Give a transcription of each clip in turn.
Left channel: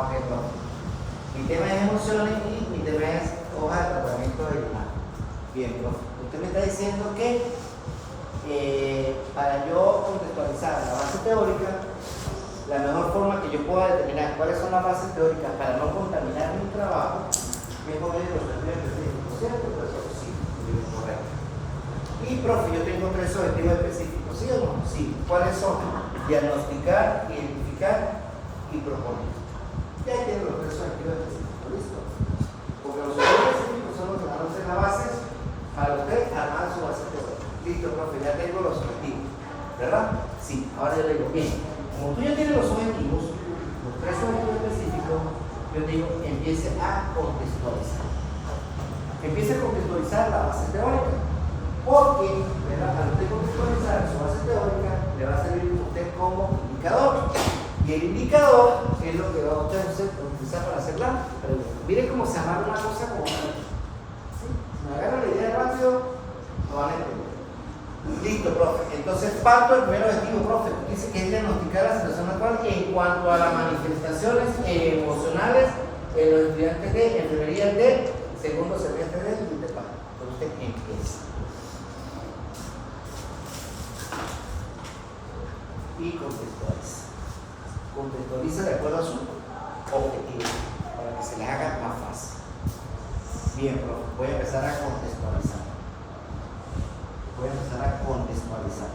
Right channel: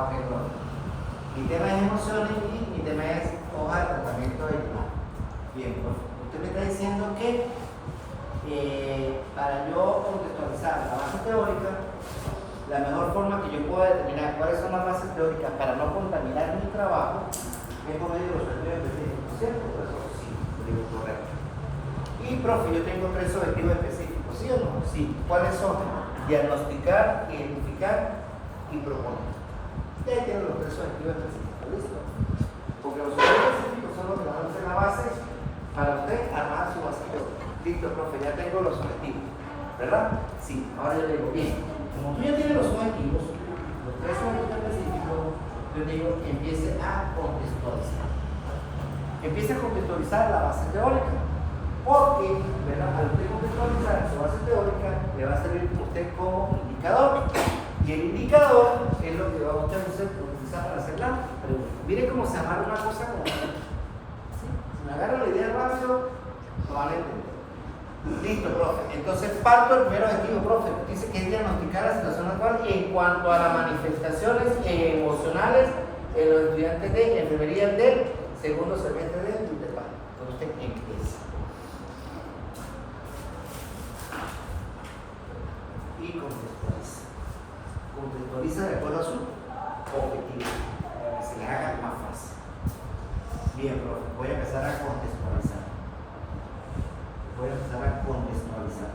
perdón. Mi tema es emociones y mi tema es hoja de tratamiento del mar. Bien, profe. Usted me está diciendo que para yo contextualizar la base teórica, la mejor forma que yo pueda determinar cuáles son las bases teóricas para no contaminar mi trabajo es por medio de los estudios específicos, ¿cierto? Eso sí, digo correcto. Y, profe, yo tengo 3 objetivos específicos, ¿sí o no? Sí. ¿Cuáles son? Diagnosticar, identificar y proponer. Ya ahí tienen los 3 objetivos específicos, ¿listo? Porque los objetivos específicos son los que van a ser la base para usted armar su base teórica. Listo, profe, ya tengo los objetivos, ¿verdad? Sí. Ahora yo le digo, bien, como tú ya tienes los objetivos, los 3 objetivos específicos, yo te digo, empiece a contextualizar. Empiece a contextualizar la base teórica. Porque, ¿verdad? Al usted contextualizar su base teórica, le va a servir a usted como indicador. Y el indicador es lo que va a usted utilizar para hacer la pregunta. Mire cómo se amarra una cosa como otra. ¿Sí? Si me agarra la idea rápido, no van a entender. Listo, profe. Entonces parto del primer objetivo, profe. Dice que es diagnosticar la situación actual en cuanto a las manifestaciones emocionales en los estudiantes de enfermería del segundo semestre del INTEPAC. Entonces usted empieza. Y contextualiza. Contextualiza de acuerdo a su objetivo, para que se le haga más fácil. Bien, profe, voy a empezar a contextualizar. Voy a empezar a contextualizar.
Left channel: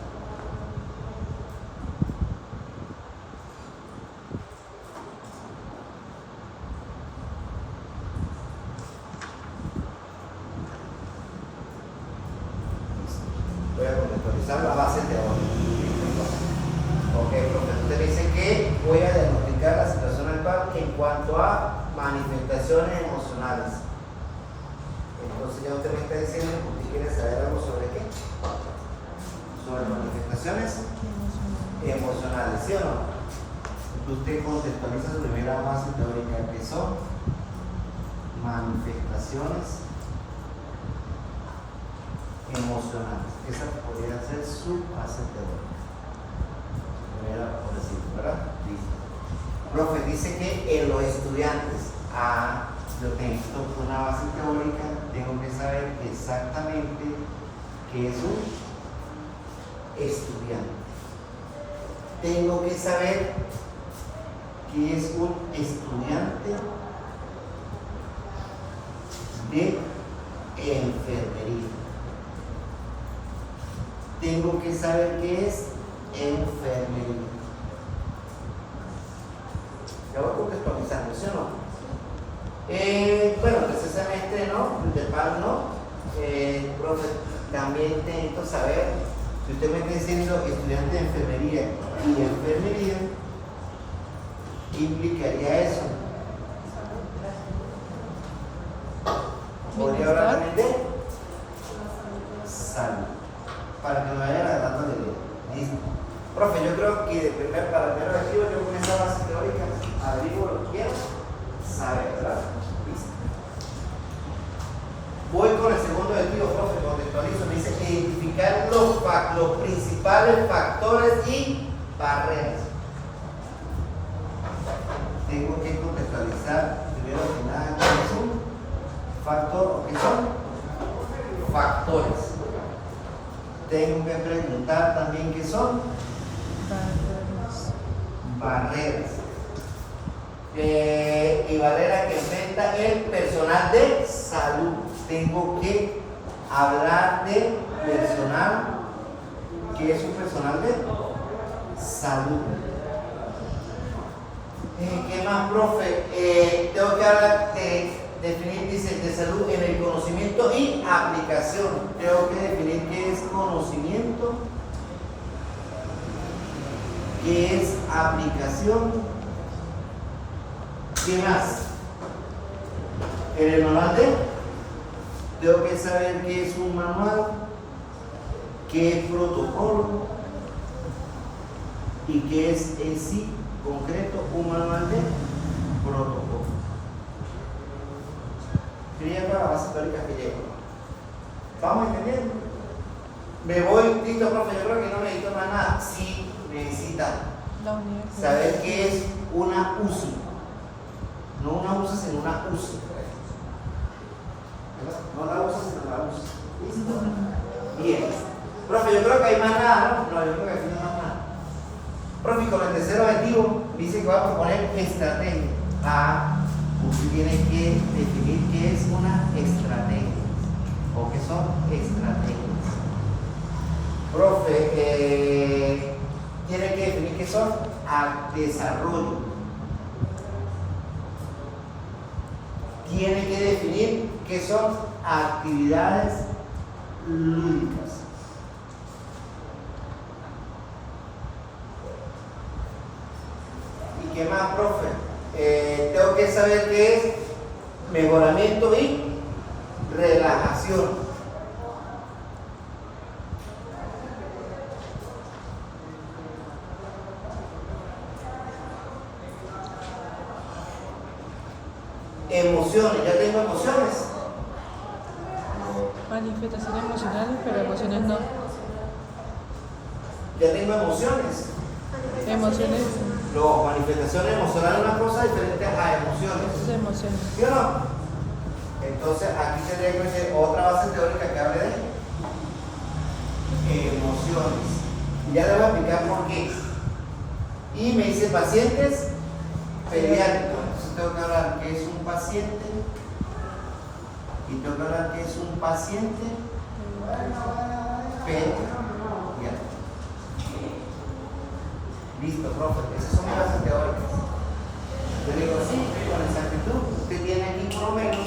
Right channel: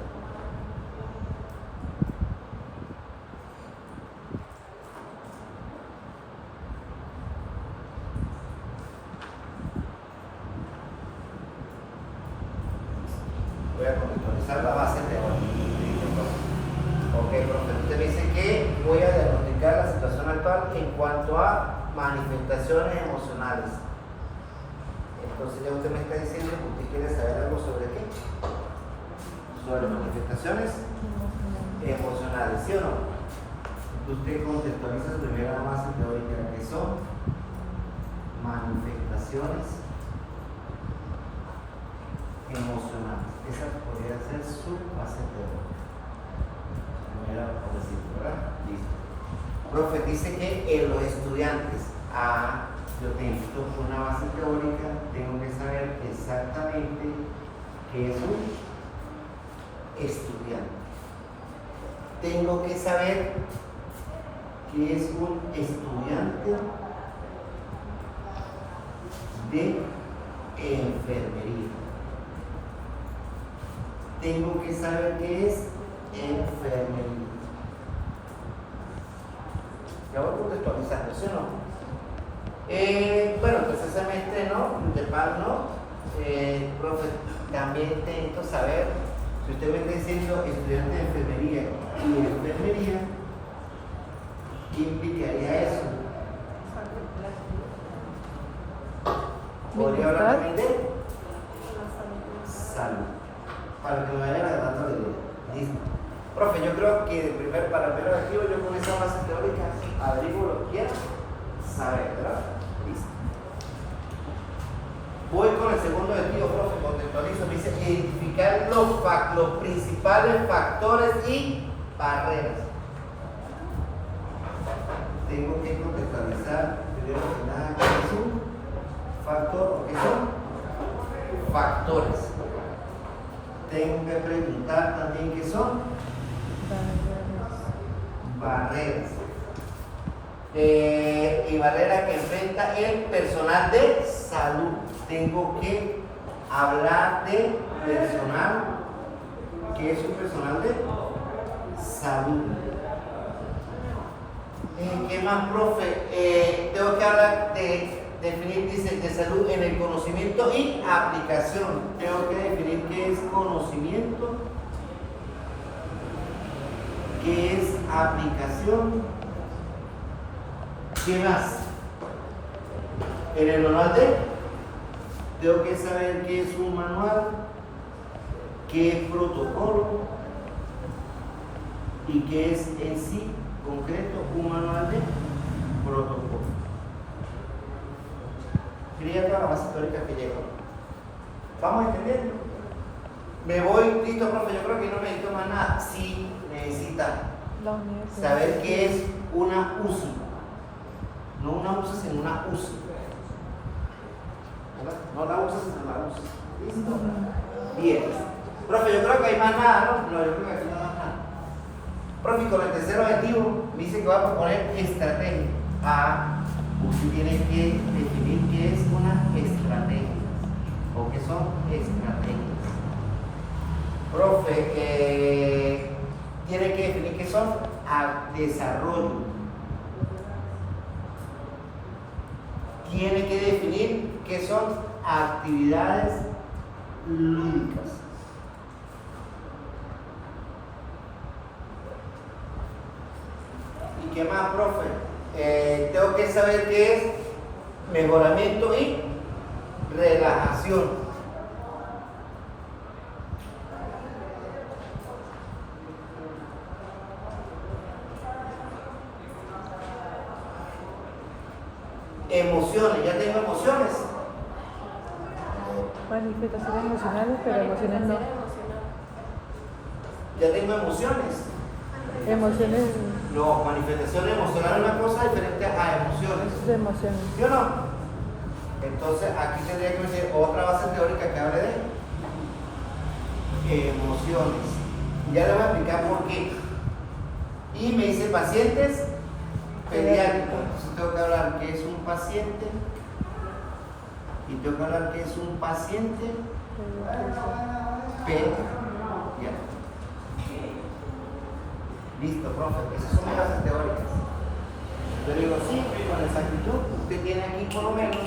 Voy a contextualizar la base teórica. Ok, profe, usted me dice que voy a diagnosticar la situación actual en cuanto a manifestaciones emocionales. Entonces ya usted me está diciendo que usted quiere saber algo sobre qué. Sobre manifestaciones emocionales, ¿sí o no? Usted contextualiza su primera base teórica, que son manifestaciones emocionales. Esa podría ser su base teórica. Por decirlo, ¿verdad? Listo. Profe, dice que en los estudiantes, yo tengo una base teórica, tengo que saber exactamente qué es un estudiante. Tengo que saber qué es un estudiante de enfermería. Tengo que saber qué es enfermería. Ya voy contextualizando, ¿sí o no? Bueno, tercer semestre no, INTEPAC no. Profe, también necesito saber, si usted me está diciendo estudiante de enfermería y enfermería, ¿qué implicaría eso? ¿Podría hablar también de salud? Para que me vayan agarrando la idea. Listo. Profe, yo creo que para el primer objetivo, yo con esa base teórica averiguo lo que quiero saber, ¿verdad? Listo. Voy con el segundo objetivo, profe, contextualizo. Me dice identificar los principales factores y barreras. Tengo que contextualizar primero que nada qué es un factor o qué son factores. Tengo que preguntar también qué son barreras. Y barreras que enfrenta el personal de salud. Tengo que hablar de personal, que es un personal de salud. ¿Qué más, profe? Tengo que hablar de definir, dice, de salud en el conocimiento y aplicación. Tengo que definir qué es conocimiento, qué es aplicación. ¿Qué más? En el manual tengo que saber qué es un manual, qué es protocolo y qué es en sí concreto un manual de protocolo. Sería toda la base teórica que llevo. ¿Vamos entendiendo? Me voy, listo, profe, yo creo que no necesito más nada. Sí, necesita saber qué es una UCI. No una usa, sino una usa. No la usa, sino la usa. ¿Listo? Bien. Profe, yo creo que hay más nada, ¿no? No, yo creo que aquí no hay más nada. Profe, y con el tercer objetivo, me dice que va a proponer estrategia. Usted tiene que definir qué es una estrategia. ¿O qué son estrategias? Profe, tiene que definir qué son desarrollo. Tiene que definir qué son actividades lúdicas. ¿Y qué más, profe? Tengo que saber qué es mejoramiento y relajación. Emociones, ya tengo emociones. Manifestaciones emocionales, pero emociones no. Ya tengo emociones. Emociones No, manifestaciones emocionales es una cosa diferente a emociones. de emociones. ¿Sí o no? Entonces aquí tendría que ser otra base teórica que hable de emociones. Y ya le voy a explicar por qué. Y me dice pacientes pediátricos. Entonces tengo que hablar qué es un paciente. Y tengo que hablar qué es un paciente pediátrico. Listo, profe. Esas son mis bases teóricas. Yo le digo, sí, con exactitud. Usted tiene aquí por lo menos,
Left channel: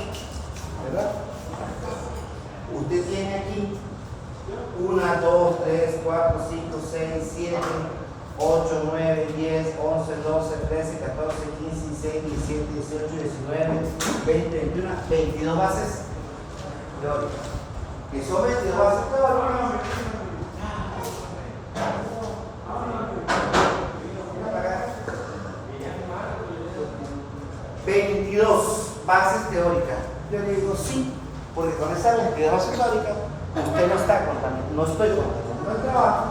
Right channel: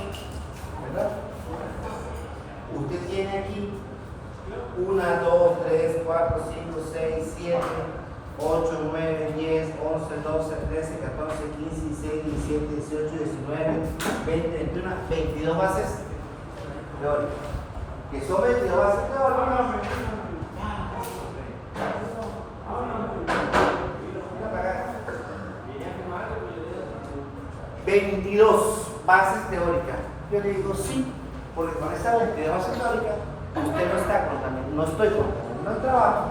¿verdad? Usted tiene aquí 1, 2, 3, 4, 5, 6, 7, 8, 9, 10, 11, 12, 13, 14, 15, 16, 17, 18, 19, 20, 21, 22 bases teóricas. ¿Qué son 22 bases teóricas? 22 bases teóricas. Yo le digo sí, porque con esa 22 bases teóricas usted no está contaminando, no estoy contaminando el trabajo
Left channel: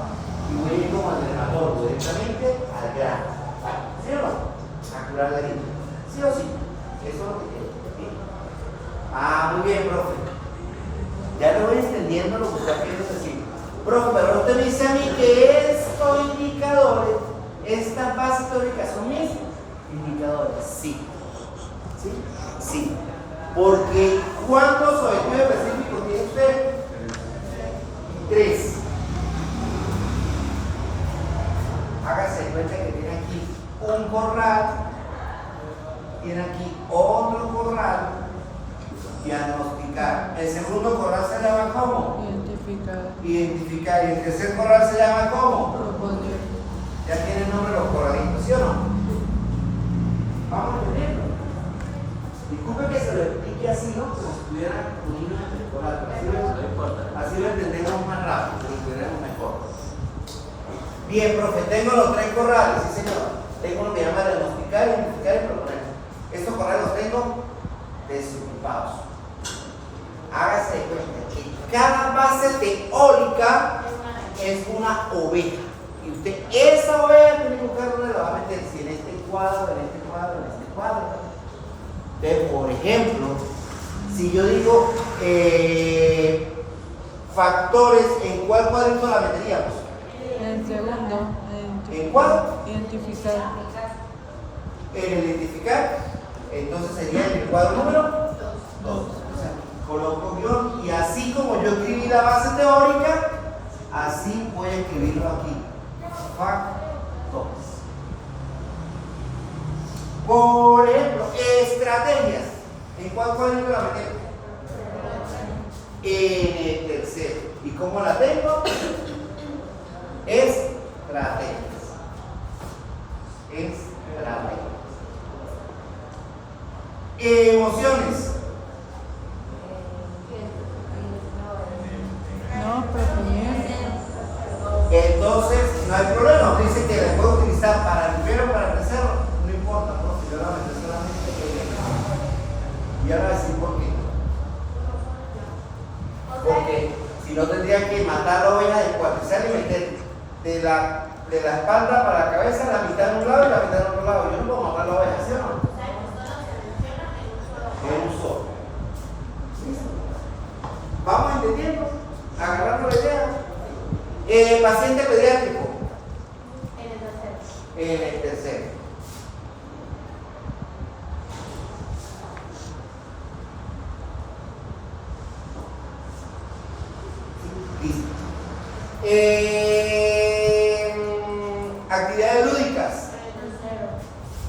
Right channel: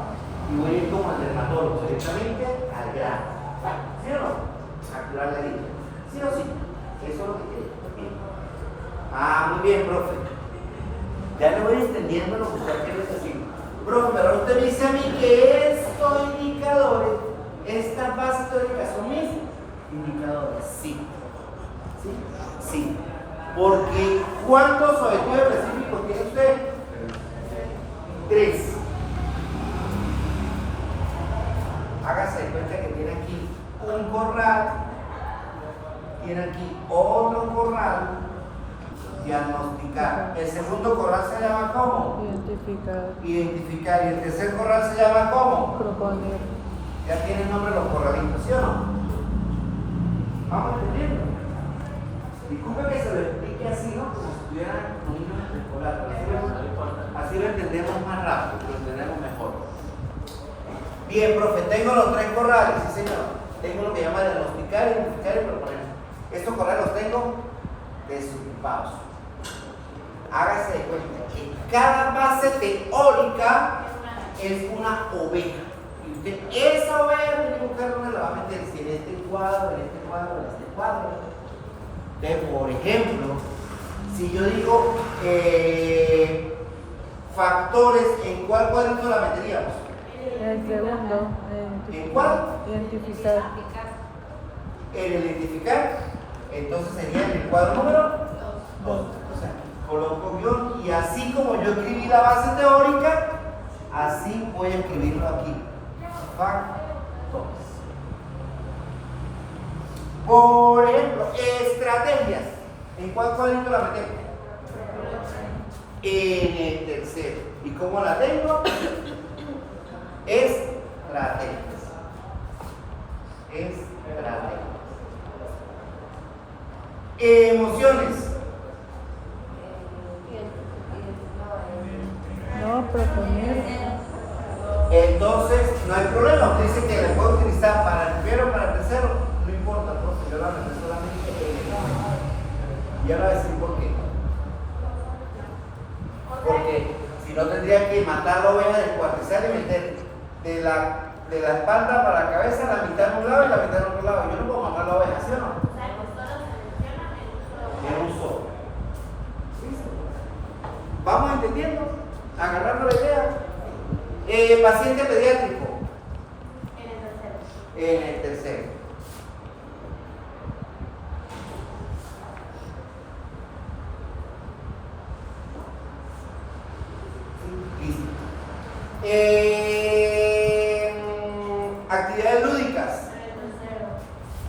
y voy a ir como al dermatólogo directamente al grano. ¿Sí o no? A curar la herida. ¿Sí o sí? Eso es lo que quiero. Muy bien, profe. Ya le voy entendiendo lo que usted quiere decir. Profe, pero usted me dice a mí que estos indicadores, estas bases teóricas son mis indicadores. Sí. ¿Sí? Sí. Porque ¿cuántos objetivos específicos tiene usted? 3. Hágase de cuenta que tiene aquí un corral, tiene aquí otro corral, diagnosticar. El segundo corral se llama ¿cómo? Identificar. Identificar. Y el tercer corral se llama ¿cómo? Proponer. Ya tienen nombre los corralitos, ¿sí o no? Vamos entendiendo. Disculpe que se lo explique así, ¿no? Como si estuviera un niño escolar. Así lo entendemos más rápido, lo entendemos mejor. Bien, profe, tengo los 3 corrales, sí señor. Tengo uno que llama diagnosticar, identificar y proponer. Estos corrales los tengo desocupados. Hágase de cuenta que cada base teórica es una oveja. Y usted, esa oveja tiene que buscar dónde la va a meter, si en este cuadro, en este cuadro, en este cuadro. Entonces, por ejemplo, si yo digo factores, ¿en cuál cuadrito la meteríamos? En el segundo. ¿En cuál? Identificar. En el identificar, entonces sería en el cuadro número 2. O sea, coloco guión y así como yo escribí la base teórica, así voy a escribirlo aquí. Factores. Por ejemplo, estrategias. ¿En cuál cuadrito la metemos? En el tercero. ¿Y cómo la tengo? Estrategias. Estrategias. Emociones. No, proponer. Entonces, no hay problema. Usted dice que la puede utilizar para el primero o para el tercero. No importa, porque yo la meto solamente en el primero. Y ahora voy a decir por qué. Porque si no tendría que matar la oveja del cuartizal y meter de la espalda para la cabeza la mitad en un lado y la mitad en otro lado. Yo no puedo matar la oveja, ¿sí o no? Paciente pediátrico. En el tercero. En el tercero. Listo. Actividades lúdicas. En el tercero.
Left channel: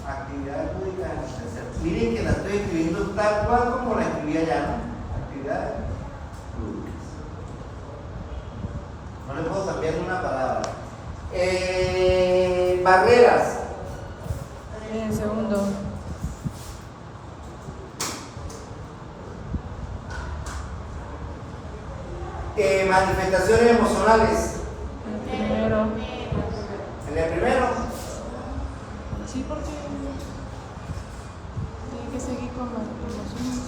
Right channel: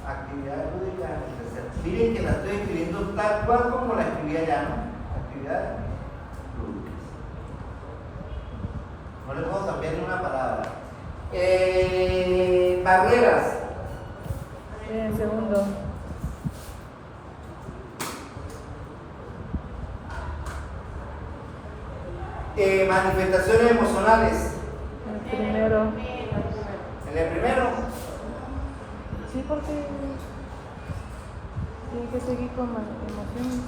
Actividades lúdicas en el tercero. Miren que la estoy escribiendo tal cual como la escribí allá, ¿no? Actividades lúdicas. No le puedo cambiar una palabra. Barreras. En el segundo. Manifestaciones emocionales. En el primero. En el primero. Sí, porque tiene que seguir con las emociones.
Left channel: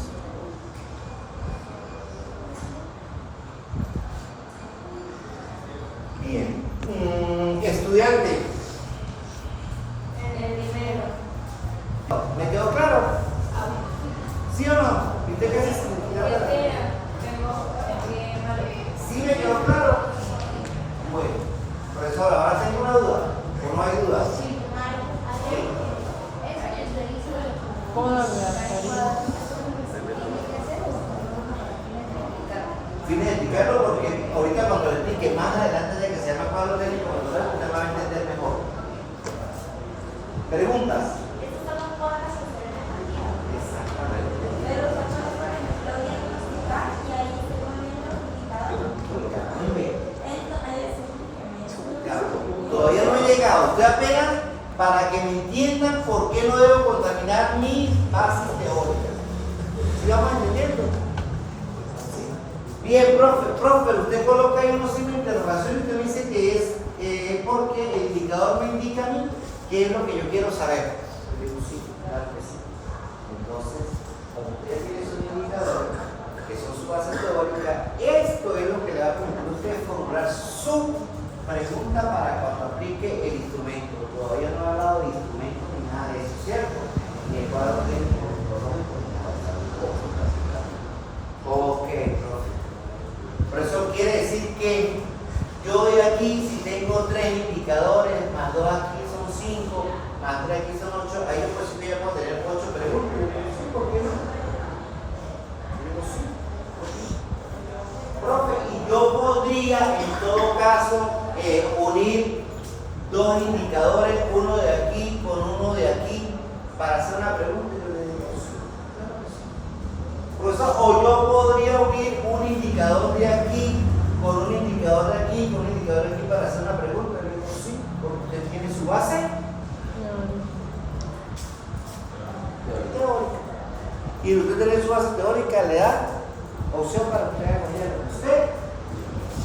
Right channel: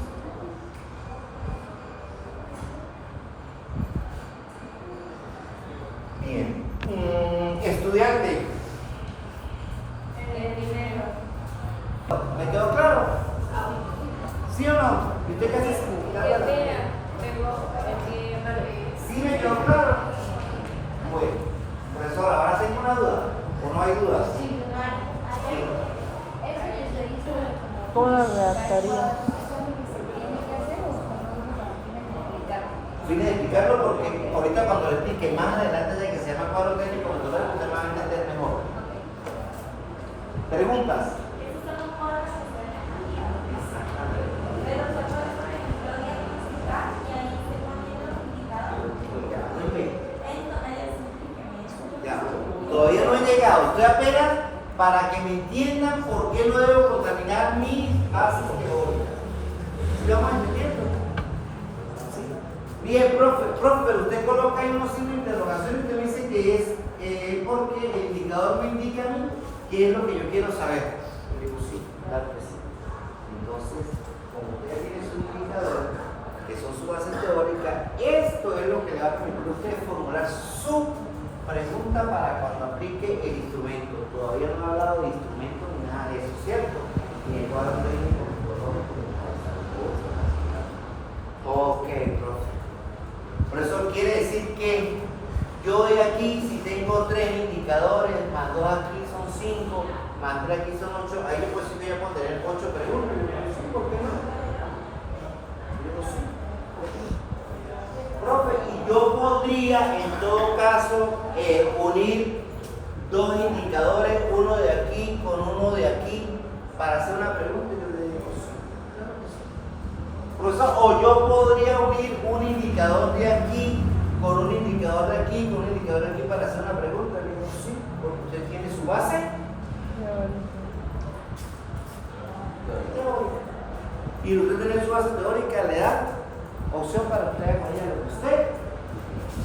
Bien. Estudiante. En el primero. ¿Me quedó claro? ¿Sí o no? ¿Y usted qué dice? ¿Sí me quedó claro? Bueno, profesor, ahora tengo una duda. ¿O no hay dudas? ¿Cómo lo redactaría? Fines de explicarlo porque ahorita cuando le explique más adelante de que se llama cuadro técnico, entonces usted va a entender mejor. ¿Preguntas? Todavía no he llegado, estoy apenas para que me entiendan por qué no debo contaminar mis bases teóricas. ¿Sí vamos entendiendo? ¿Sí? Bien, profe, pero usted coloca ahí unos signos de interrogación y usted me dice que es porque el indicador me indica a mí qué es lo que yo quiero saber. Yo digo, sí, claro que sí. Entonces, como usted ya tiene sus indicadores, que son su base teórica, esto es lo que le va a permitir a usted formular su pregunta para cuando aplique el instrumento. Todavía no he hablado de instrumento ni nada de eso, ¿cierto? Ni el cuadro técnico, ni nada de eso. Ok, profe. Por eso quiere decir que yo de aquí, si tengo 3 indicadores, más 2 aquí son 5, más 3 aquí son 8, ahí yo pues sí voy a poder tener 8 preguntas. Yo digo, sí, ¿por qué no? Yo digo, sí. Profe, y yo podría en todo caso unir 2 indicadores, uno de aquí con uno de aquí, para hacer una pregunta. Yo le digo, sí, claro que sí. Profesor, o yo podría unir un indicador de aquí con un indicador de aquí, con un indicador de aquí para hacer una pregunta. Yo le digo, sí, porque usted tiene su base teórica. Y usted tiene su base teórica, le da opción para que haga mañana lo que usted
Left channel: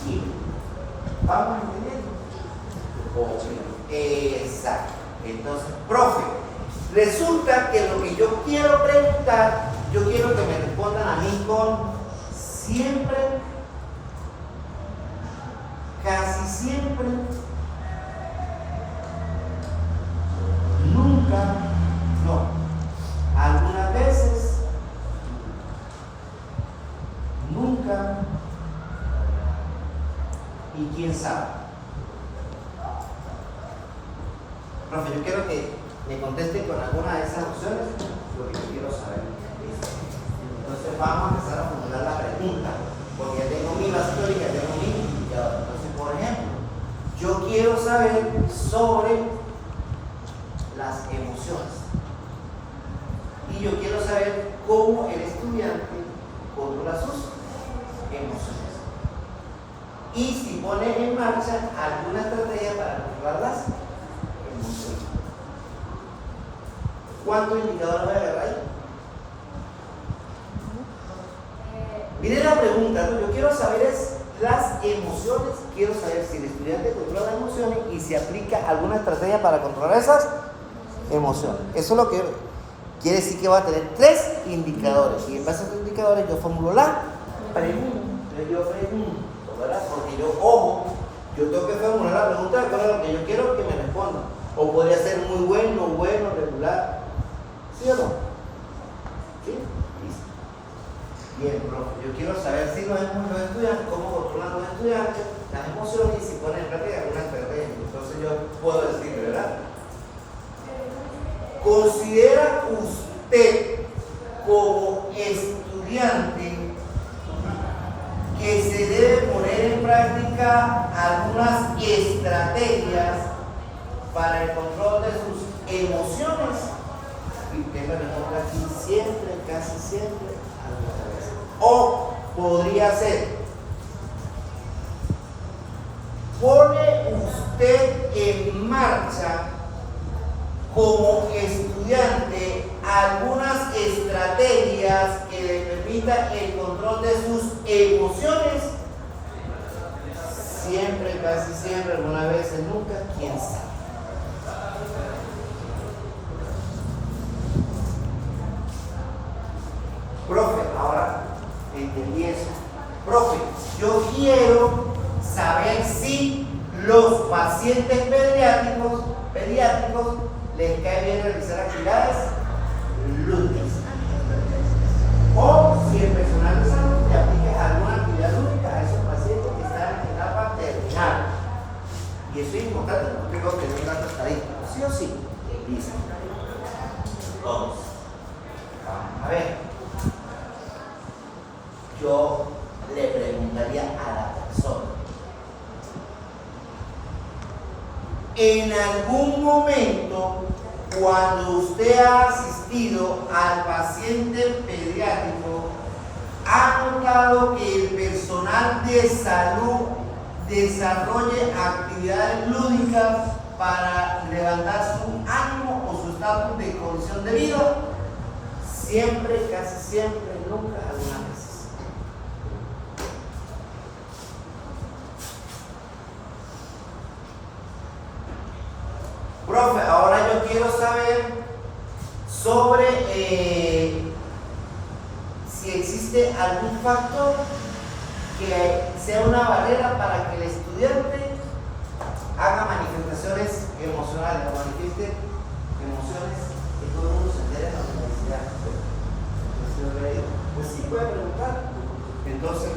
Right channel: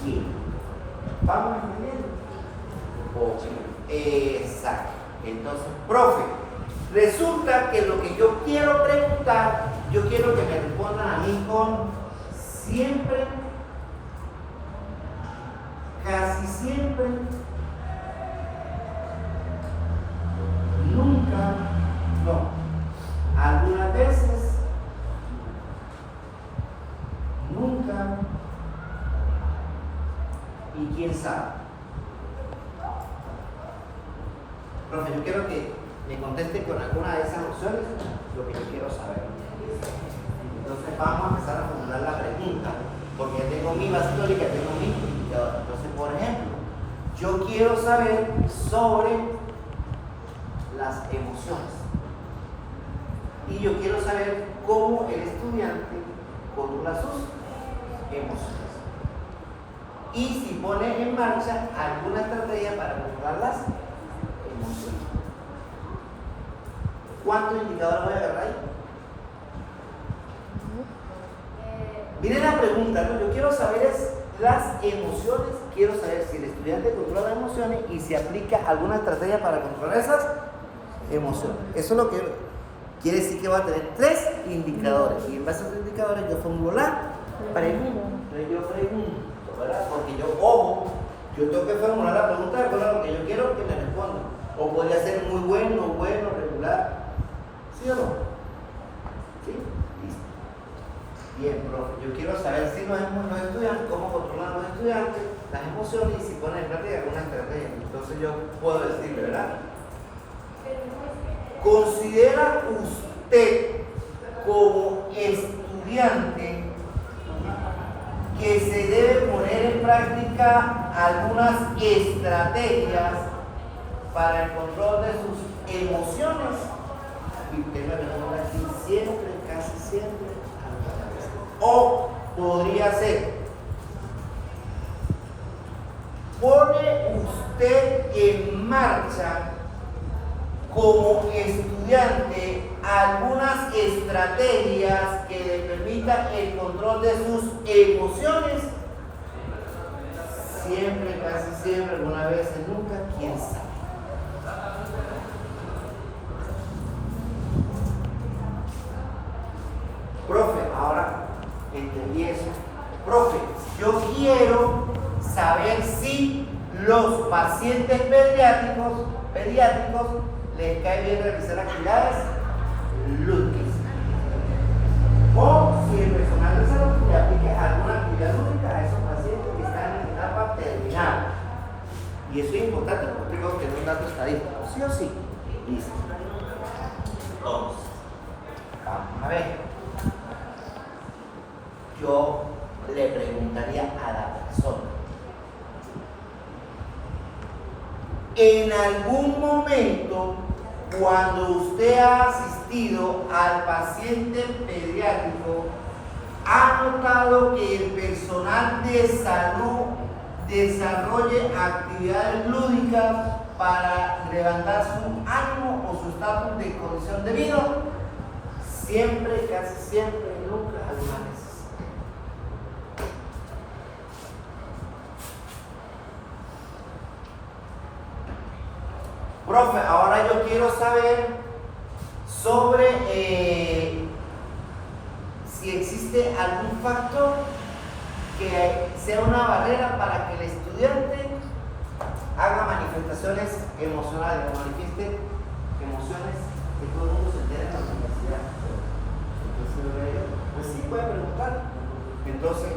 quiere. ¿Vamos entendiendo? Exacto. Entonces, profe, resulta que lo que yo quiero preguntar, yo quiero que me respondan a mí con siempre, casi siempre, nunca, no, algunas veces, nunca y quién sabe. Profe, yo quiero que me conteste con alguna de esas opciones lo que yo quiero saber. Entonces vamos a empezar a formular la pregunta, porque ya tengo mi base teórica, tengo mi indicador. Entonces, por ejemplo, yo quiero saber sobre las emociones. Y yo quiero saber cómo el estudiante controla sus emociones. Y si pone en marcha alguna estrategia para controlar las emociones. ¿Cuántos indicadores voy a agarrar ahí? Miren la pregunta, ¿no? Yo quiero saber es las emociones, quiero saber si el estudiante controla las emociones y si aplica alguna estrategia para controlar esas emociones. Eso es lo que quiere decir que va a tener 3 indicadores y en base a estos indicadores yo formulo la pregunta. Entonces yo pregunto, ¿verdad? Porque yo, ojo, yo tengo que formular la pregunta de acuerdo a lo que yo quiero que me responda. O podría ser muy bueno, regular. ¿Sí o no? ¿Sí? Listo. Bien, profe, yo quiero saber si los estudiantes, cómo controlan los estudiantes las emociones y si ponen en práctica alguna estrategia. Entonces yo puedo decir, ¿verdad? ¿Considera usted como estudiante que se debe poner en práctica algunas estrategias para el control de sus emociones? Y usted me responde aquí siempre, casi siempre, alguna vez. O podría ser, ¿pone usted en marcha como estudiante algunas estrategias que le permitan el control de sus emociones? Siempre, casi siempre, alguna vez, nunca, quién sabe. Profe, ahora entendí eso. Profe, yo quiero saber si los pacientes pediátricos les cae bien realizar actividades lúdicas. O si el personal de salud le aplica alguna actividad lúdica a esos pacientes que están en etapa terminal. Y eso es importante porque tengo que tener un dato estadístico. ¿Sí o sí? Listo. Entonces, vamos a ver. Yo le preguntaría a la persona, en algún momento, cuando usted ha asistido al paciente pediátrico, ¿ha notado que el personal de salud desarrolle actividades lúdicas para levantar su ánimo o su estatus de condición de vida? Siempre, casi siempre, nunca, alguna vez. Profe, ahora yo quiero saber sobre si existe algún factor que sea una barrera para que el estudiante haga manifestaciones emocionales, manifieste emociones que todo el mundo se entere en la universidad. Pues sí puede preguntar. Entonces,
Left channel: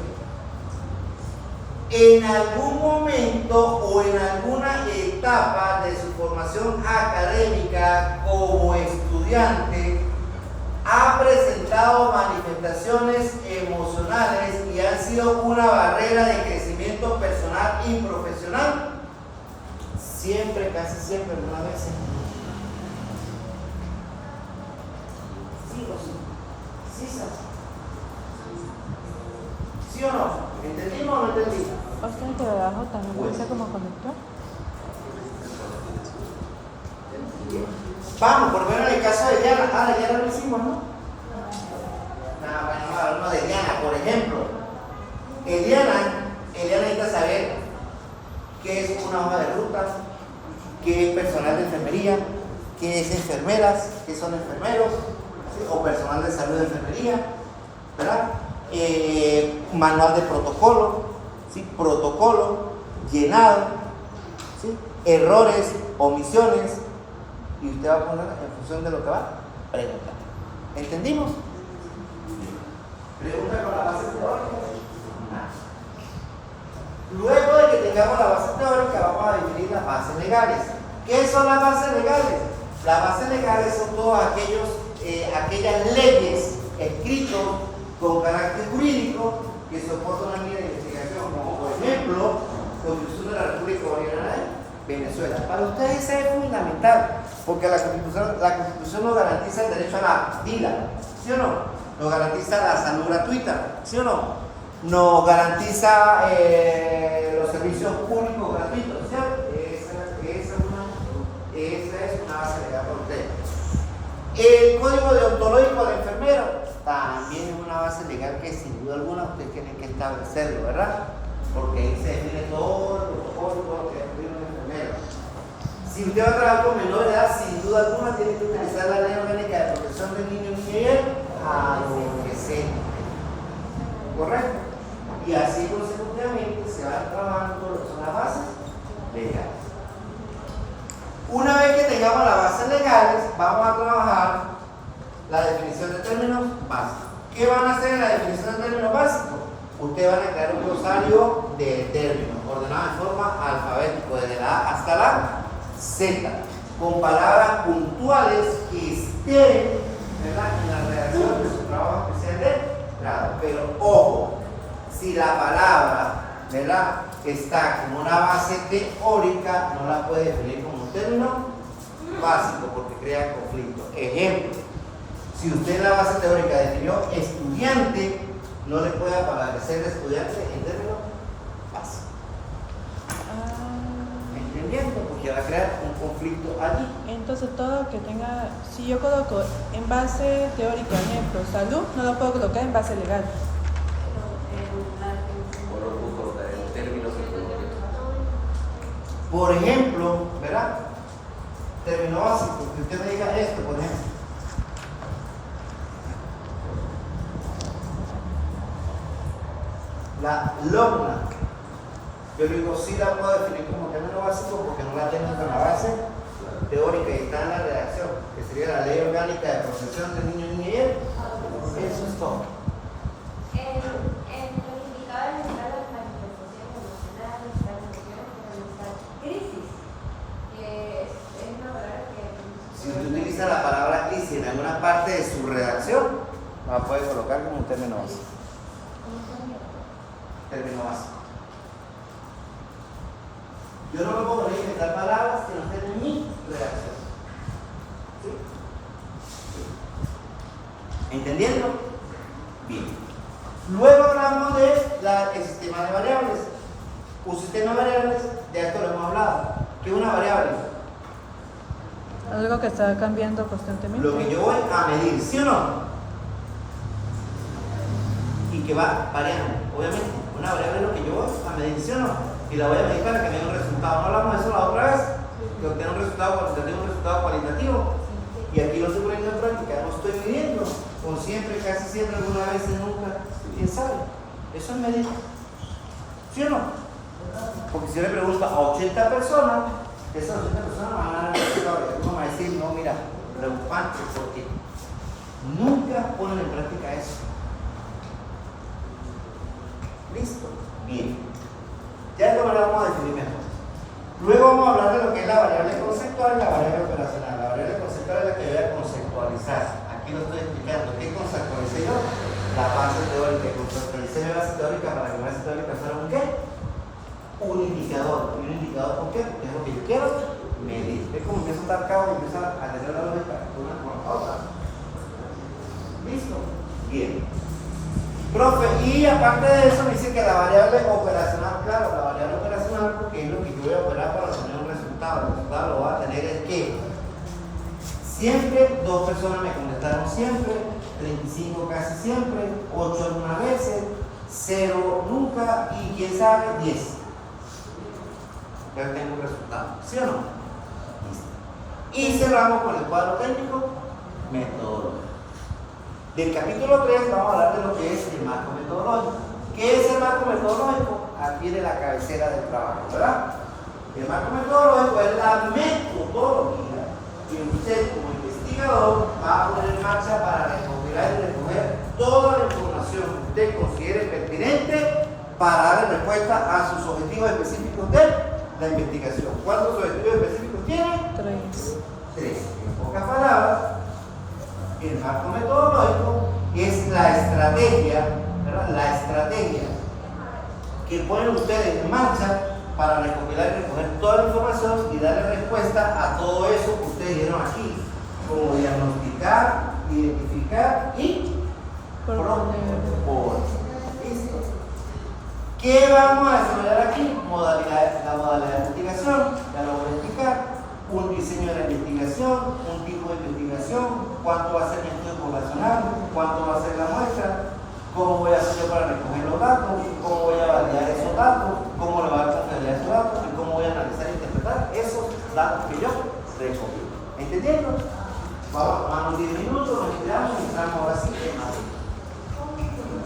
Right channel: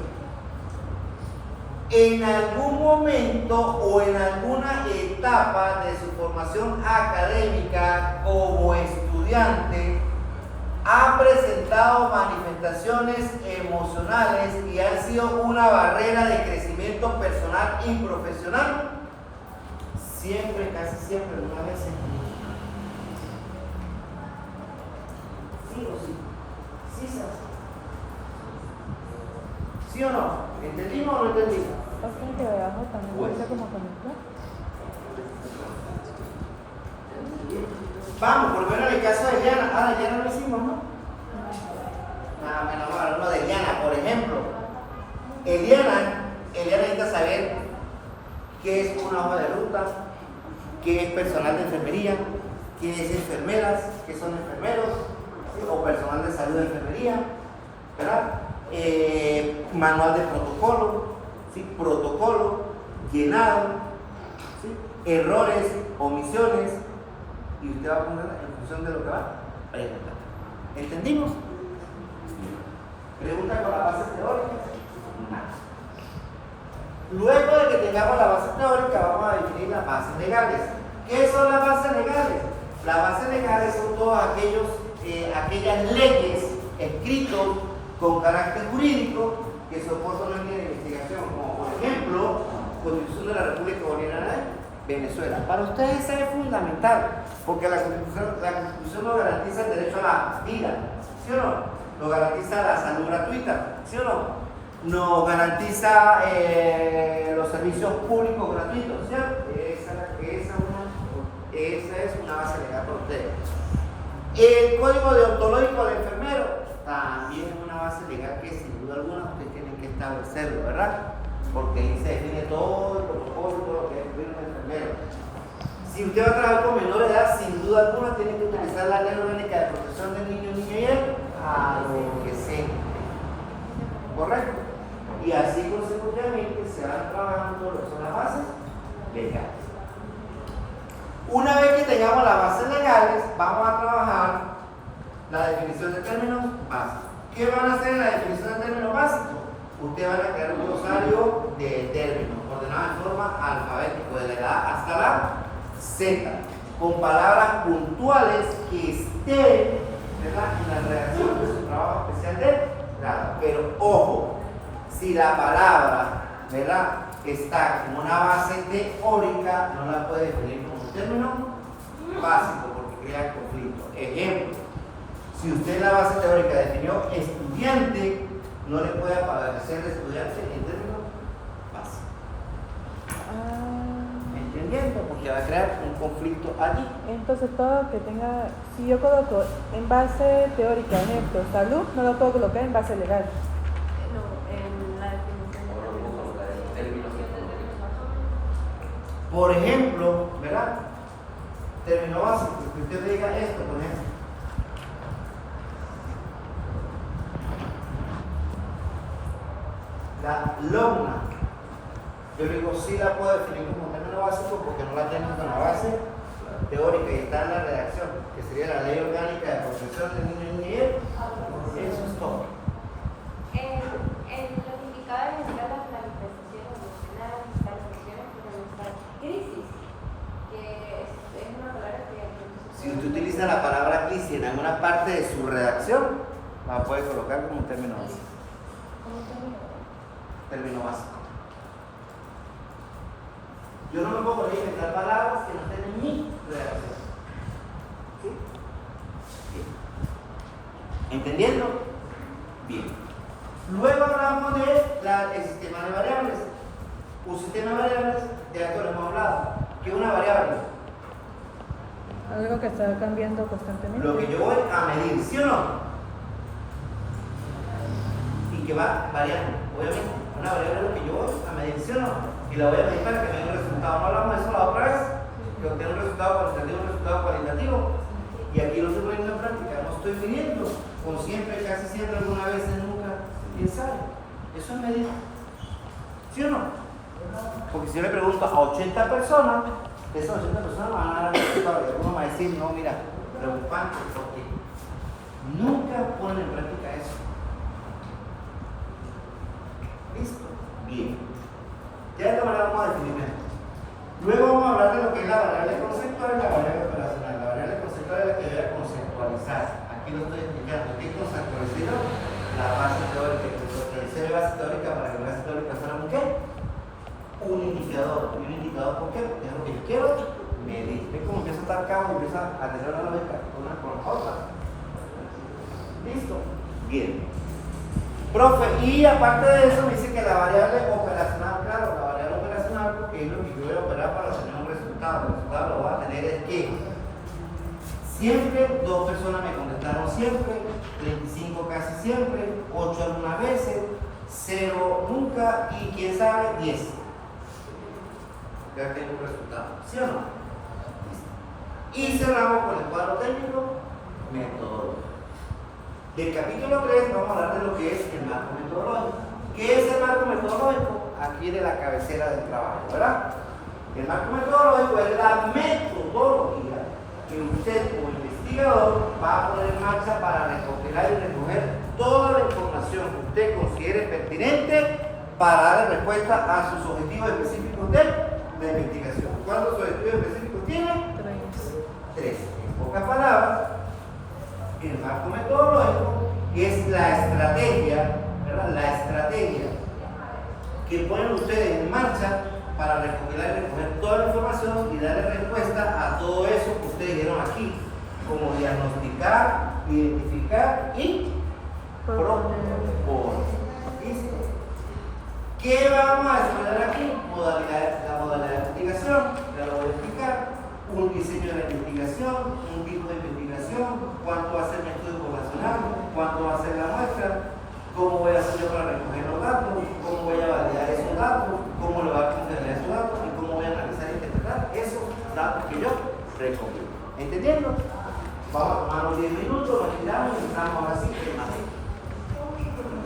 en algún momento o en alguna etapa de su formación académica como estudiante, ha presentado manifestaciones emocionales y han sido una barrera de crecimiento personal y profesional. Siempre, casi siempre, alguna vez. ¿Sí o sí? ¿Sí, sabes? ¿Sí o no? ¿Entendimos o no entendimos? O sea que debajo también puede ser como conector. Vamos, por lo menos en el caso de Diana. Ah, Diana lo hicimos, ¿no? Nada, bueno, hablo de Diana, por ejemplo. Eliana necesita saber qué es una hoja de ruta, qué es personal de enfermería, qué es enfermeras, qué son enfermeros, ¿sí? O personal de salud de enfermería, ¿verdad? Manual de protocolo, ¿sí? Protocolo, llenado, ¿sí? Errores, omisiones, y usted va a poner en función de lo que va a preguntar. ¿Entendimos? ¿Pregunta con la base teórica? No. Luego de que tengamos la base teórica, vamos a definir las bases legales. ¿Qué son las bases legales? Las bases legales son todas aquellas leyes escritas con carácter jurídico que soportan una línea de investigación, como por ejemplo, Constitución de la República Bolivariana de Venezuela. Para ustedes eso es fundamental, porque la Constitución nos garantiza el derecho a la vida, ¿sí o no? Nos garantiza la salud gratuita, ¿sí o no? Nos garantiza los servicios públicos gratuitos, ¿cierto? Esa es una base legal para ustedes. El código deontológico del enfermero también es una base legal que sin duda alguna ustedes tienen que establecerlo, ¿verdad? Porque ahí se define todo el protocolo, todo lo que es un enfermero. Si usted va a trabajar con menor de edad, sin duda alguna tiene que utilizar la ley orgánica de protección del niño, niña y el adolescente. ¿Correcto? Y así consecutivamente se van trabajando lo que son las bases legales. Una vez que tengamos las bases legales, vamos a trabajar la definición de términos básicos. ¿Qué van a hacer en la definición de términos básicos? Ustedes van a crear un glosario de términos, ordenado en forma alfabética, desde la A hasta la Z, con palabras puntuales que estén, ¿verdad?, en la redacción de su trabajo especial de grado. Pero ojo, si la palabra, ¿verdad?, está como una base teórica, no la puede definir como un término básico porque crea conflicto. Ejemplo, si usted en la base teórica definió estudiante, no le puede aparecer estudiante en términos básicos. ¿Entendiendo? Porque va a crear un conflicto allí. Entonces todo que tenga, si yo coloco en base teórica, ejemplo, salud, no lo puedo colocar en base legal. Por ejemplo, ¿verdad? Término básico, que usted me diga esto, por ejemplo. La logna. Yo digo, sí la puedo definir como término básico porque no la tengo en la base teórica y está en la redacción, que sería la Ley Orgánica de Protección de Niños y Niñez. Eso es todo. En los indicadores de la planificación emocional, planificación económica, crisis, que es una palabra que... Si usted utiliza la palabra crisis en alguna parte de su redacción, la puede colocar como un término básico. Término básico. Yo no me puedo poner a inventar palabras que no estén en mi redacción. ¿Sí? ¿Sí? ¿Entendiendo? Bien. Luego hablamos del sistema de variables. Un sistema de variables, de esto lo hemos hablado. ¿Qué es una variable? Algo que está cambiando constantemente. Lo que yo voy a medir, ¿sí o no? Y que va variando. Obviamente, una variable es lo que yo voy a medir, ¿sí o no? Y la voy a medir para que tenga un resultado. No hablamos de eso la otra vez, que obtenga un resultado cuantitativo, un resultado cualitativo. Y aquí lo estoy poniendo en práctica, no estoy midiendo. O siempre, casi siempre, alguna vez, nunca. ¿Quién sabe? Eso es medir. ¿Sí o no? Porque si yo le pregunto a 80 personas, esas 80 personas van a dar el resultado. Y uno va a decir, no, mira, preocupante, porque nunca ponen en práctica eso. ¿Listo? Bien. Ya esto lo vamos a definir mejor. Luego vamos a hablar de lo que es la variable conceptual y la variable operacional. La variable conceptual es la que voy a conceptualizar. Aquí lo estoy explicando. ¿Qué conceptualicé yo? La base teórica. Conceptualicé la base teórica para que la base teórica fuera un ¿qué? Un indicador. ¿Un indicador por qué? Porque es lo que yo quiero medir. Es como empieza a estar cabo y empieza a tener la lógica una con la otra. ¿Listo? Bien. Profe, y aparte de eso me dice que la variable operacional, claro, la variable operacional porque es lo que yo voy a operar para tener un resultado. El resultado lo va a tener es que siempre 2 personas me contestaron siempre, 35 casi siempre, 8 algunas veces, 0 nunca y quién sabe 10. Ya tengo un resultado, ¿sí o no? Y cerramos con el cuadro técnico metodológico. Del capítulo 3 vamos a hablar de lo que es el marco metodológico. ¿Qué es el marco metodológico? Aquí viene la cabecera del trabajo, ¿verdad? El marco metodológico es la metodología que usted como investigador va a poner en marcha para recopilar y recoger toda la información que usted considere pertinente para dar respuesta a sus objetivos específicos de la investigación. ¿Cuántos objetivos específicos tiene? 3. En pocas palabras, el marco metodológico es la estrategia, ¿verdad? La estrategia que ponen ustedes en marcha para recopilar y recoger toda la información y darle respuesta a todo eso que ustedes dieron aquí, como diagnosticar, identificar y proponer. ¿Listo? ¿Qué vamos a desarrollar aquí? Modalidades